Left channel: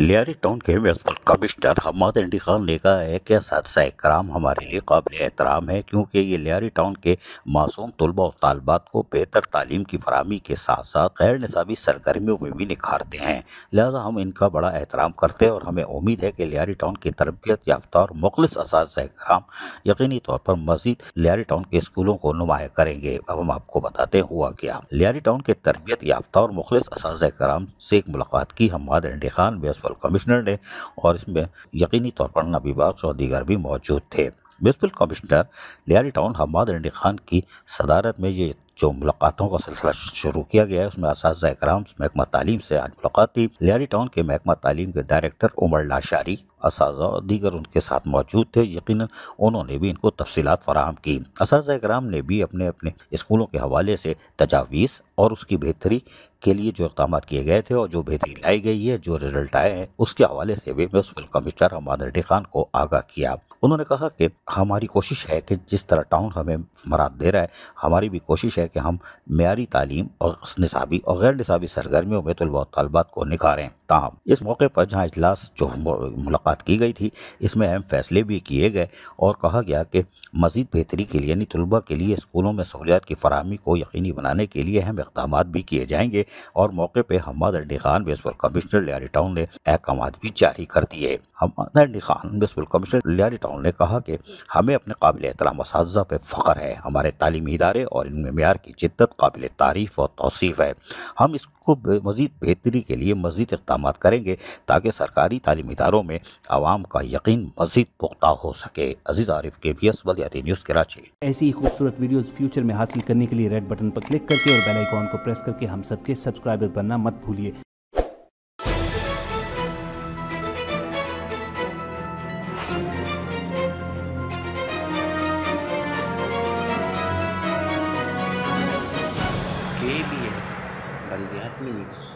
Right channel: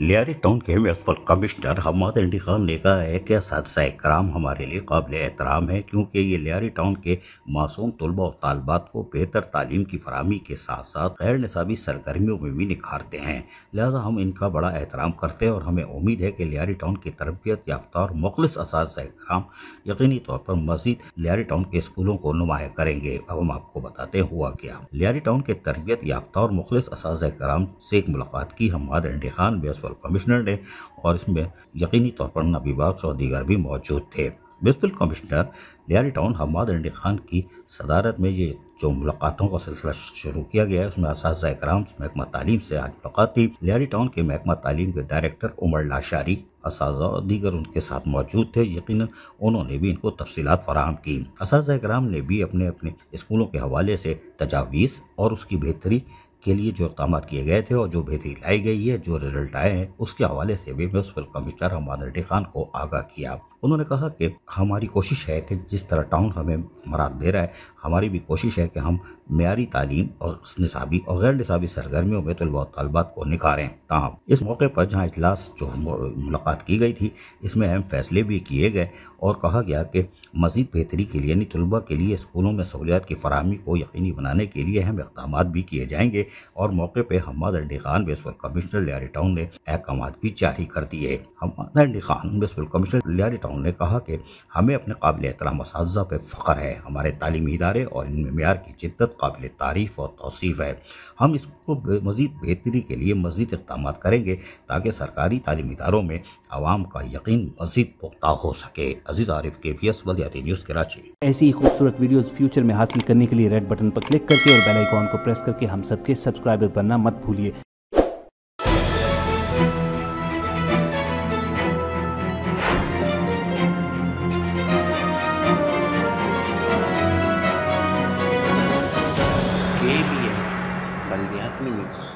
Lyari town के municipal commissioner Hammad Ali Khan ने कहा है कि असातिज़ा इकराम हमारे लिए काबिल एहतराम है, क्योंकि ये लियारी टाउन के मासूम तलबा और तालबात को बेहतर तालीम की फराहमी के साथ साथ गैर निसाबी सरगर्मियों में भी निखारते हैं। लिहाजा हम इनका बड़ा एहतराम करते हैं और हमें उम्मीद है कि लियारी टाउन के तरबियत याफ्ता और मुखलिस असातिज़ा इकराम यकीनी तौर पर मज़ीद लियारी टाउन के स्कूलों को नुमाया करेंगे। अब हम आपको बताते हैं हुआ क्या। लियारी टाउन के तरबियत याफ्ता और मुखलिस असातिज़ा इकराम से एक मुलाकात की हम्माद अली खान म्यूनसिपल कमिश्नर ने, और इसमें यकीनी तौर पर नबी बख्श और दीगर भी मौजूद थे। Municipal commissioner Lyari town Hammad Ali Khan की सदारत में ये जो मुलाकातों का सिलसिला शुरू किया गया है, उसमें असातिज़ा इकराम महकमा तालीम से आज मुलाकात थी। लियारी टाउन के महकमा तालीम के डायरेक्टर उमर लाशारी, असातिज़ा और दीगर उनके साथ मौजूद थे। यकीनन उन्होंने भी इनको तफसीलात फराहम की। असातिज़ा इकराम ने भी अपने अपने स्कूलों के हवाले से तजावीज़ और उसकी बेहतरी के लिए जो इक़दाम किए गए थे और जो बेहतरी लाई गई है, जो रिजल्ट आए हैं, उसके हवाले से भी म्यूनसिपल कमिश्नर हम्माद अली खान को आगाह किया। उन्होंने कहा कि हमारी कोशिश है कि जिस तरह टाउन हमें मराद दे रहा है, हमारी भी कोशिश है कि हम मेयारी तालीम और निसाबी और गैर निसाबी सरगर्मियों में तलबा और तालबात को निखारें। ताहम इस मौके पर जहाँ इजलास जो मुलाकात की गई थी, इसमें अहम फैसले भी किए गए और कहा गया कि मज़ीद बेहतरी के लिए यानी तलबा के लिए स्कूलों में सहूलियात की फराहमी को यकीनी बनाने के लिए अहम इक़दाम भी किए जाएंगे। और मौके पर Hammad Ali Khan municipal commissioner Lyari town ने अहकाम भी जारी कर दिए। Hammad Ali Khan municipal commissioner Lyari town ने कहा कि हमें अपने काबिल एहतराम असातिज़ा पे फ़ख्र है। हमारे तालीमी इदारे और इनमें मेयार की जिद्दत काबिल तारीफ़ और तौसीफ़ है। हम इसको मज़ीद बेहतरी के लिए मज़ीद इक़दाम करेंगे ताकि सरकारी तालीमी इदारों में आवाम का यकीन मज़ीद पुख्ता हो सके। अज़ीज़ आरिफ, KBS वलयाती न्यूज़ कराची। ऐसी ही खूबसूरत वीडियोस फ्यूचर में हासिल करने के लिए रेड बटन पर क्लिक करके और बेल आइकॉन को प्रेस करके हम सबके सब्सक्राइबर बनना मत भूलिए। KBS बल्दियाती न्यूज़।